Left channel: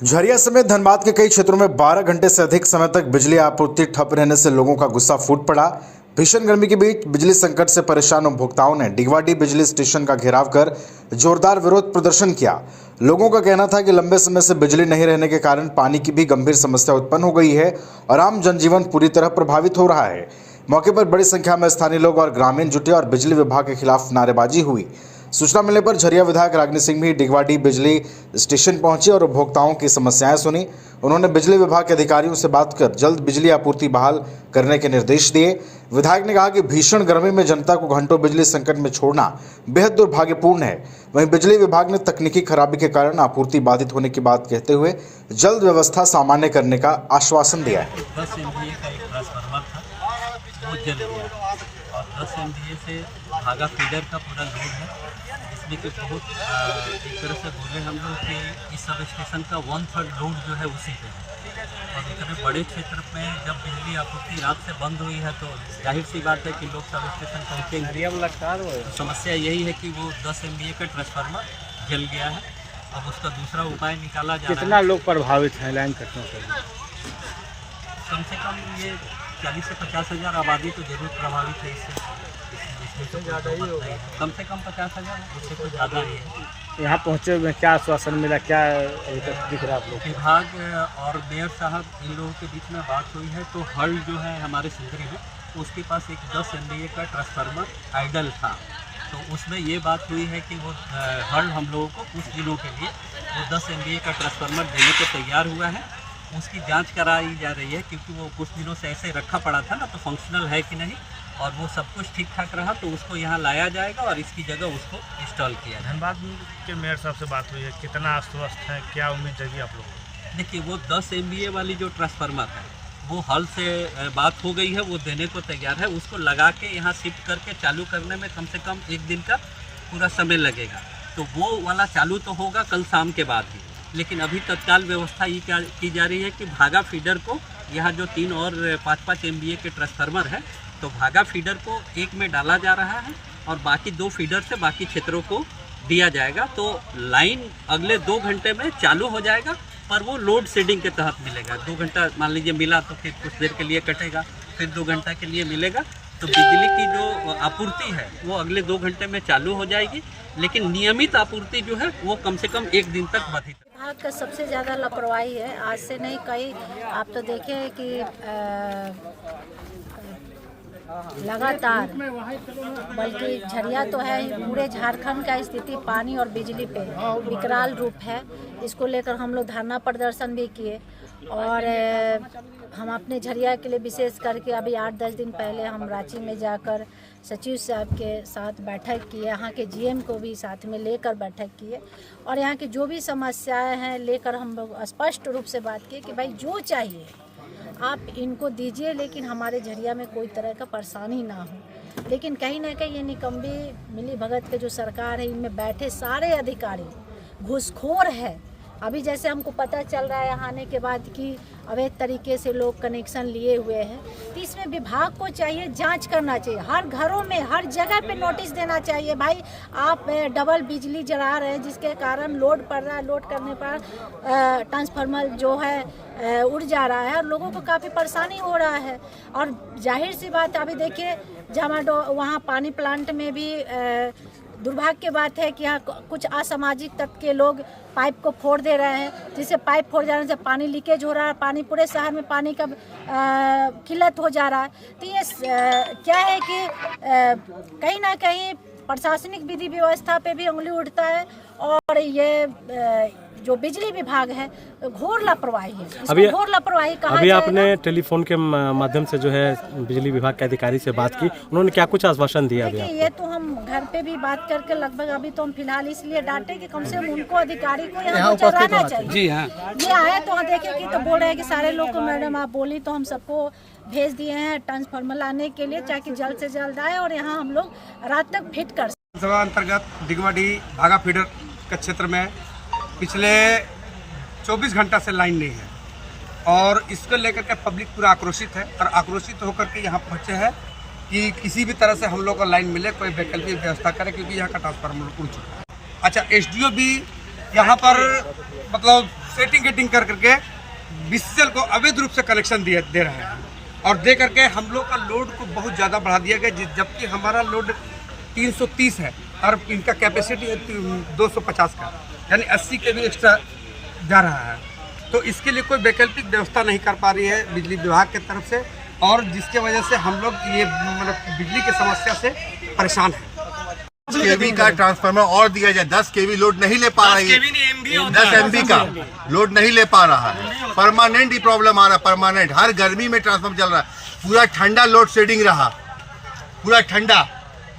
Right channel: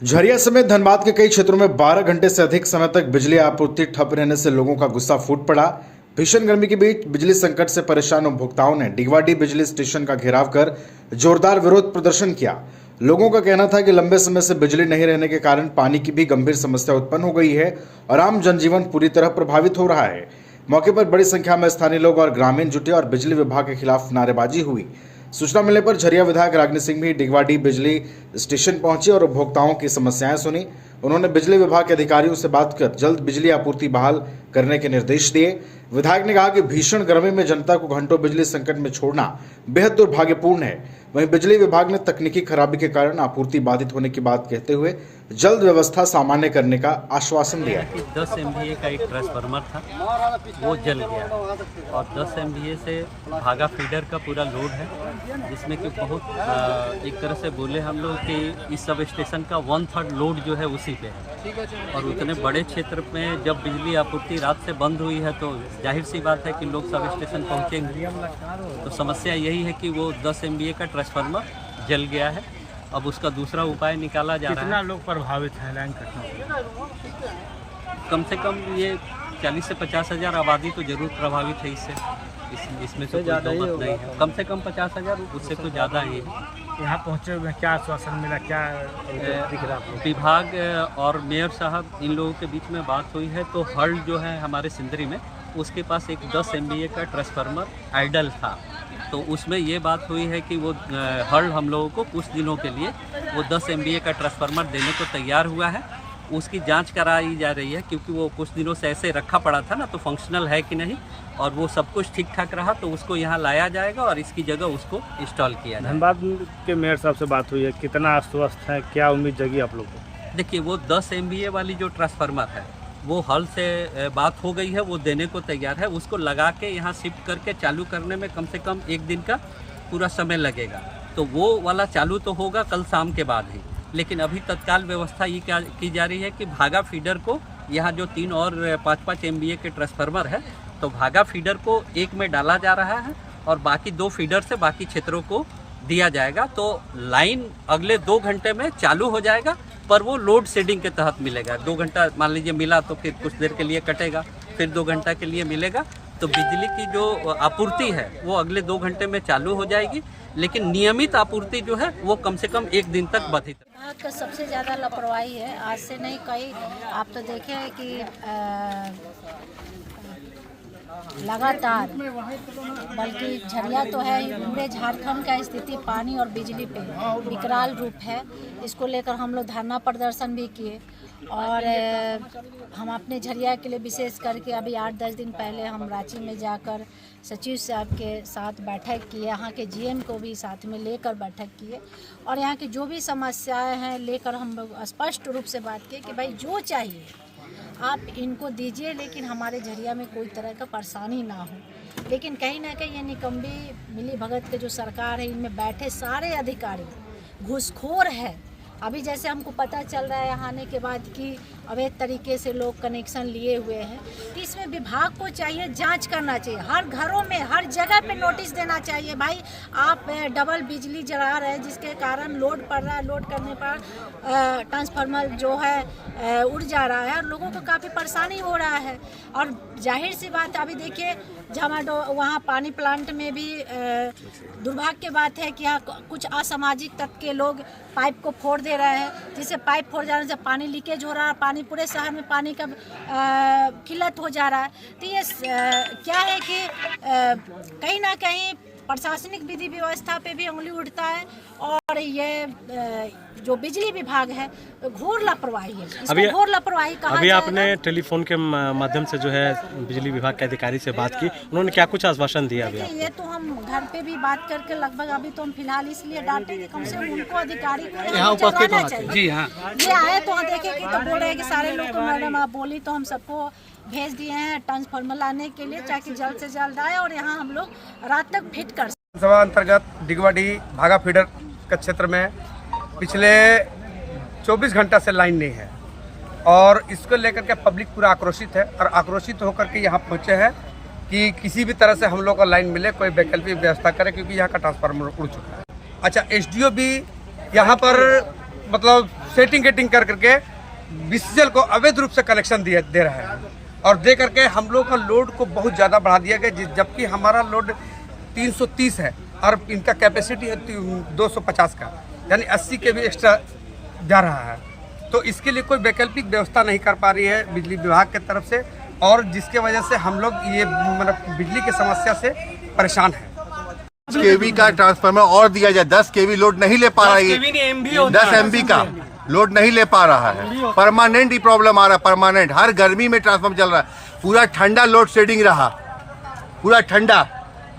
झरिया समेत धनबाद के कई क्षेत्रों में 12 घंटे से अधिक समय तक बिजली आपूर्ति ठप रहने से लोगों का गुस्सा फूट पड़ा। भीषण गर्मी के बीच बिजली संकट से परेशान उपभोक्ताओं ने डिगवाडी बिजली स्टेशन का घेराव कर जोरदार विरोध प्रदर्शन किया। लोगों का कहना था कि लंबे समय से बिजली नहीं रहने के कारण पानी की भी गंभीर समस्या उत्पन्न हो गई है और आम जनजीवन पूरी तरह प्रभावित हो रहा है। मौके पर बड़ी संख्या में स्थानीय लोग और ग्रामीण जुटे और बिजली विभाग के खिलाफ नारेबाजी हुई। सूचना मिलने पर झरिया विधायक रागिनी सिंह भी डिगवाडी बिजली स्टेशन पहुंची और उपभोक्ताओं की समस्याएं सुनी। उन्होंने बिजली विभाग के अधिकारियों से बात कर जल्द बिजली आपूर्ति बहाल करने के निर्देश दिए। विधायक ने कहा कि भीषण गर्मी में जनता को घंटों बिजली संकट में छोड़ना बेहद दुर्भाग्यपूर्ण है। वहीं बिजली विभाग ने तकनीकी खराबी के कारण आपूर्ति बाधित होने की बात कहते हुए जल्द व्यवस्था सामान्य करने का आश्वासन दिया है। 10 MVA का एक ट्रांसफार्मर था, वो जल गया और 10 MVA से भागा फीडर का पूरा लोड है, जिसमें कि बहुत एक तरह से बोले हम लोग कि इस सब स्टेशन का 1/3 लोड जो है उसी पे है। और उतने बड़े क्षेत्र में जब बिजली आपूर्ति रात से बंद हुई है तो जाहिर सी बात है कि लोग सब स्टेशन पहुँचेंगे। तो समस्या यही है कि वो 10 MVA का ट्रांसफार्मर जल गया है। अब उसका दूसरा उपाय निकाला जा रहा है। कितना लोग प्रभावित हैं लाइन कटने से? कम से कम ये 40 से 50 हज़ार आबादी तो जरूर प्रभावित है इससे। इसमें तो कोई दो मत नहीं है। कम से कम 50 हज़ार, उससे तो ज़्यादा ही है। यहाँ पहुँचे में क्या आश्वासन मिला, क्या दिख रहा है? विभाग और मेयर साहब इन लोगों के बीच में बात हुई है तो हल जो है हमारे सिंदरी में, उसके पास एक 10 MVA का ट्रांसफार्मर आइडल था। तो उसमें ये बात हुई है कि वो हल हम लोगों को कुछ दिनों के लिए वो 10 MVA का ट्रांसफार्मर देने को तैयार हुआ है। उसकी जांच कराई जा रही है क्योंकि वो कुछ दिनों से ऐसे रखा पड़ा था ना, तो फंक्शनल है कि नहीं, और वो सब कुछ ठीक ठाक रहा तो उसको यहाँ लाया जाएगा और इसकी जगह उसको इंस्टॉल किया जाएगा। धनबाद के मेयर साहब से बात हुई है, कितना आश्वस्त है, क्या उम्मीद जगी आप लोग को? देखिए, वो 10 MVA वाली जो ट्रांसफार्मर है वो हल से बात हो गई है, वो देने को तैयार है। उसको लगा के यहाँ शिफ्ट करके चालू करने में कम से कम 1 दिन का पूरा समय लगेगा। तो वो वाला चालू तो होगा कल शाम के बाद ही, लेकिन अभी तत्काल व्यवस्था ये क्या की जा रही है कि भागा फीडर को यहाँ जो 3 और 5-5 MVA के ट्रांसफार्मर है, तो भागा फीडर को एक में डाला जा रहा है और बाकी 2 फीडर से बाकी क्षेत्रों को दिया जाएगा। तो लाइन अगले 2 घंटे में चालू हो जाएगा, पर वो लोड शेडिंग के तहत मिलेगा। 2 घंटा मान लीजिए मिला तो फिर कुछ देर के लिए कटेगा, फिर 2 घंटा के लिए मिलेगा। तो बिजली की जो आपूर्ति है वो अगले 2 घंटे में चालू हो जाएगी, लेकिन नियमित आपूर्ति जो है वो कम से कम 1 दिन तक बाधित है। विभाग का सबसे ज़्यादा लापरवाही है। आज से नहीं, कई आप तो देखे हैं कि लगातार, बल्कि झरिया तो है, पूरे झारखंड का स्थिति पानी और बिजली पे विकराल रूप है। इसको लेकर हम लोग धरना प्रदर्शन भी किए और हम अपने झरिया के लिए विशेष करके अभी 8-10 दिन पहले हम रांची में जाकर सचिव साहब के साथ बैठक किए, यहाँ के GM को भी साथ में लेकर बैठक किए और यहाँ की जो भी समस्याएं हैं लेकर हम लोग स्पष्ट रूप से बात की कि भाई जो चाहिए आप इनको दीजिए, लेकिन हमारे झरिया में कोई तरह का परेशानी ना हो। लेकिन कहीं ना कहीं ये निकम्बी मिली भगत के जो सरकार है, इनमें बैठे सारे अधिकारी घूसखोर है। अभी जैसे हमको पता चल रहा है यहाँ आने के बाद कि अवैध तरीके से लोग कनेक्शन लिए हुए हैं, तो इसमें विभाग को चाहिए जांच करना चाहिए। हर घरों में, हर जगह पे नोटिस देना चाहिए, भाई आप डबल बिजली जला रहे हैं जिसके कारण लोड पड़ रहा है, लोड करने पर ट्रांसफार्मर जो है उड़ जा रहा है और लोगों को काफ़ी परेशानी हो रहा है। और जाहिर सी बात है, अभी देखिए जमाडो वहाँ पानी प्लांट में भी दुर्भाग्य की बात है कि यहाँ कुछ असामाजिक तत्व के लोग पाइप को फोड़ दे रहे हैं, जिससे पाइप फोड़ जाने से पानी लीकेज हो रहा है, पानी पूरे शहर में पानी का किल्लत हो जा रहा है। तो ये क्या है कि कहीं ना कहीं प्रशासनिक विधि व्यवस्था पे भी उंगली उठता है और ये जो बिजली विभाग है घोर लापरवाही है। इसको घोर लापरवाही कहा अभी जाएगा। आपने टेलीफोन के माध्यम से जो है बिजली विभाग के अधिकारी से बात की, उन्होंने क्या कुछ आश्वासन दिया? देखिए, ये तो हम घर पे भी बात करके लगभग अभी तो हम फिलहाल इसलिए डांटे कि कम से कम उनको अधिकारी को यहाँ उपस्थित रहना चाहिए। जी हाँ, ये आए तो देखे कि तो बोल रहे हैं कि सारे लोग को मैडम आप बोली, तो हम सबको भेज दिए हैं ट्रांसफार्मर लाने के लिए, ताकि जल्द से जल्द आए और यहाँ हम लोग रात तक फिट कर सकें। सभा अंतर्गत डिगवाडी भागा फीडर के क्षेत्र में पिछले 24 घंटा से लाइन नहीं है और इसको लेकर के पब्लिक पूरा आक्रोशित है और आक्रोशित होकर के यहाँ पहुँचे हैं कि किसी भी तरह से हम लोग को लाइन मिले, कोई वैकल्पिक व्यवस्था करे, क्योंकि यहाँ का ट्रांसफार्मर उड़ चुका है। अच्छा, SDO भी यहाँ पर मतलब सेटिंग गेटिंग कर करके बीसीसीएल को अवैध रूप से कनेक्शन दे रहे हैं और दे करके हम लोग का लोड को बहुत ज़्यादा बढ़ा दिया गया, जबकि हमारा लोड 330 है और इनका कैपेसिटी है 250 का, यानी 80 के भी एक्स्ट्रा जा रहा है। तो इसके लिए कोई वैकल्पिक व्यवस्था नहीं कर पा रही है बिजली विभाग की तरफ से, और जिसके वजह से हम लोग ये मतलब बिजली की समस्या से परेशान हैं। केवी का ट्रांसफार्मर और दिया जाए, 10 केवी लोड नहीं ले पा रहा है, 10 MB का लोड नहीं ले पा रहा है। परमानेंट ही प्रॉब्लम आ रहा है, परमानेंट हर गर्मी में ट्रांसफार्मर चल रहा है, पूरा ठंडा लोड शेडिंग रहा, पूरा ठंडा।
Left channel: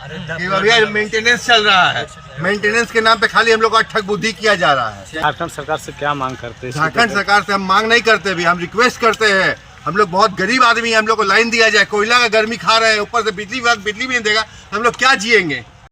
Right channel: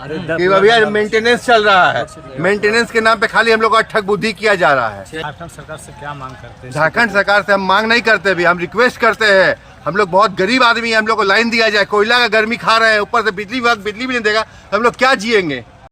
भैया मेंटेनेंस चल रहा है, मेंटेनेंस के नाम पे खाली हम लोग का ठग बुद्धि किया जा रहा है। झारखंड सरकार से क्या मांग करते हैं? झारखंड सरकार से हम मांग नहीं करते भी, हम रिक्वेस्ट करते हैं। हम लोग बहुत गरीब आदमी हैं, हम लोग को लाइन दिया जाए, कोयला का गर्मी खा रहे हैं, ऊपर से बिजली भी नहीं देगा, हम लोग क्या जिएंगे।